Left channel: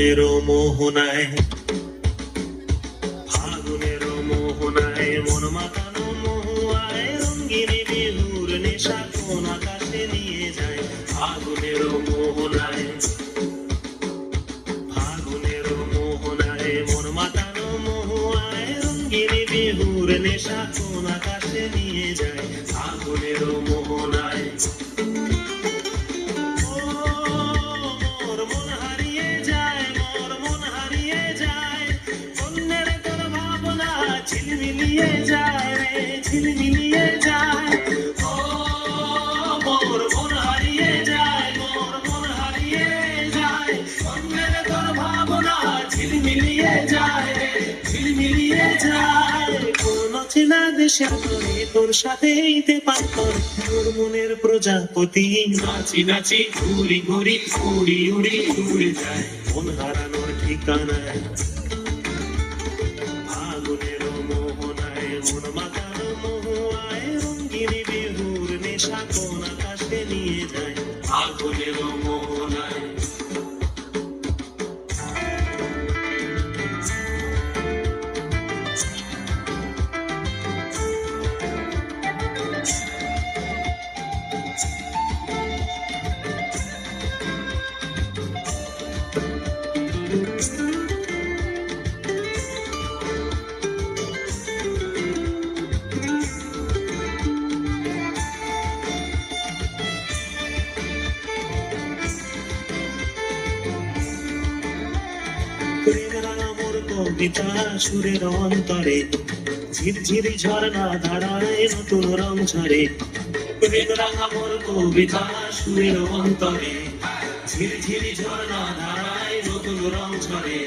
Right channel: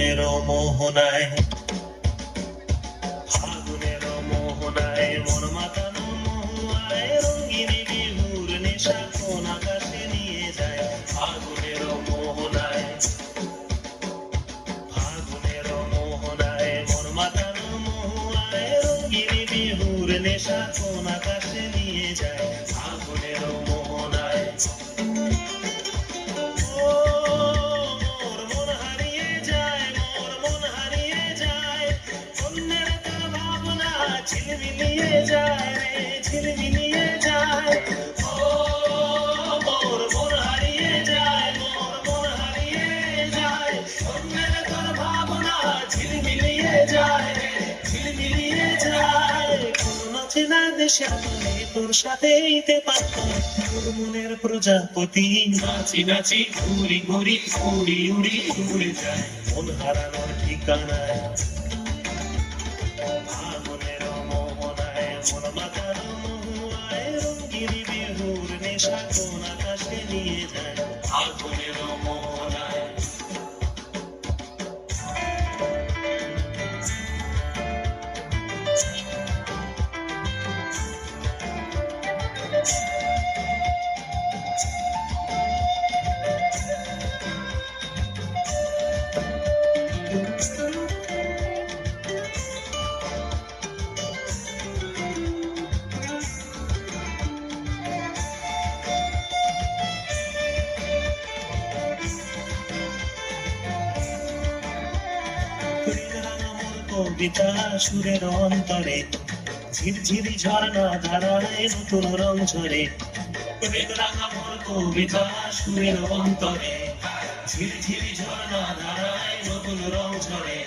ফাগুনের মোহনায়, ফাগুনের মোহনায় মন মাতানো মহুয়ায় রঙিন বিহুর নেশা কোন আকাশে নিয়ে যায়। ফাগুনের মোহনায়, ফাগুনের মোহনায় মন মাতানো মহুয়ায় রঙিন বিহুর নেশা কোন আকাশে নিয়ে যায়। ফাগুনের মোহনায় ঝিলমিলিয়ে যায়, ঝিলমিলিয়ে যায়, ও মোর মন হারিয়ে যায়, মোর মন হারিয়ে যায়, অন্যের তোর ভাবনা ঝিলমিলিয়ে যায়, ঝিলমিলিয়ে যায়। কোন চেনা দেশের তরে তোর সাথে ইতে পাথর, তোর মনের প্রজাপতি নাচি নাচি ঘুরি ঘুরি উড়ি উড়ি উড়ে যায় মন হারানোর ঠিকানায়। ফাগুনের মোহনায় মন মাতানো মহুয়ায় রঙিন বিহুর নেশা কোন আকাশে নিয়ে যায়। ফাগুনের মোহনায় প্রেমের আমর কবিতা সুরের অন্তরে, ঝিরঝিরি ঝর্ণা ধারায় নতুন রং ঝরে। প্রেমের আমর কবিতা সুরের অন্তরে, ঝিরঝিরি ঝর্ণা ধারায় নতুন রং ঝরে।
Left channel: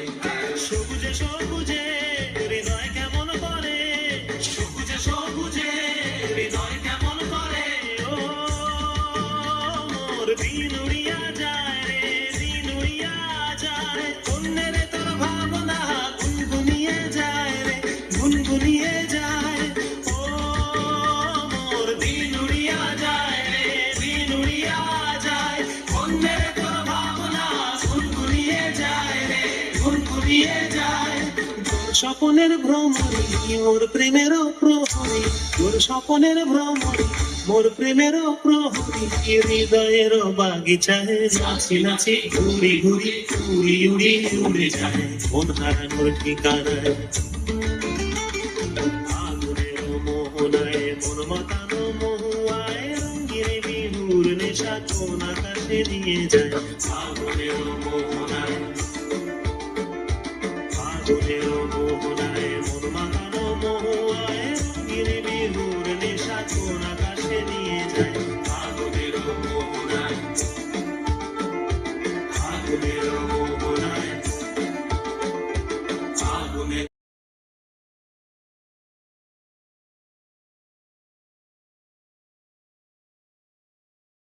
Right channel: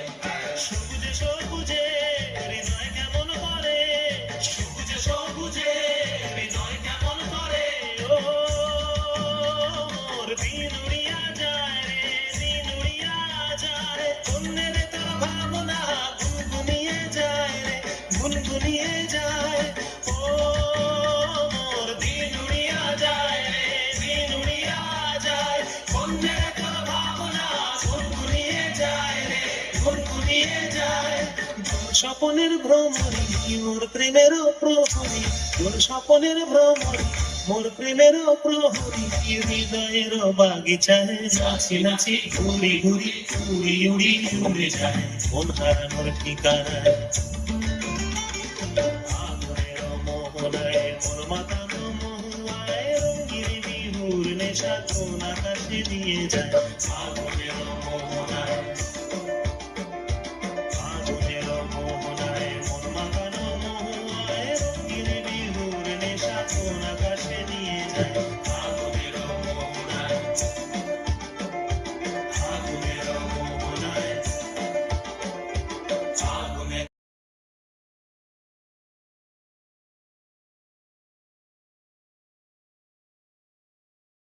সবুজে সবুজে হৃদয় কেমন করে, সবুজে সবুজে হৃদয় কেমন করে, ও মোর দিন উড়িয়া যায় রে, দিন উড়িয়া যায়, অন্যের তোর ভাবনা গুনগুনিয়ে যায় রে, গুনগুনিয়ে যায়, ও মোর দিন উড়িয়া যায় রে, দিন উড়িয়া যায়, অন্যের তোর ভাবনা গুনগুনিয়ে যায় রে, গুনগুনিয়ে যায়। তোর স্বপনের ভ্রমরে মোর প্রেমের প্রহরী, তোর স্বপনের ভ্রমরে মোর প্রেমের প্রহরী, হৃদয়ের বাগিচায় নাচি নাচি ঘুরি ঘুরি উড়ি উড়ি উড়ে যায় মন হারানোর ঠিকানায়। ফাগুনের মোহনায় মন মাতানো মহুয়ায় রঙিন বিহুর নেশা কোন আকাশে নিয়ে যায়। ফাগুনের মোহনায়, ফাগুনের মোহনায় মন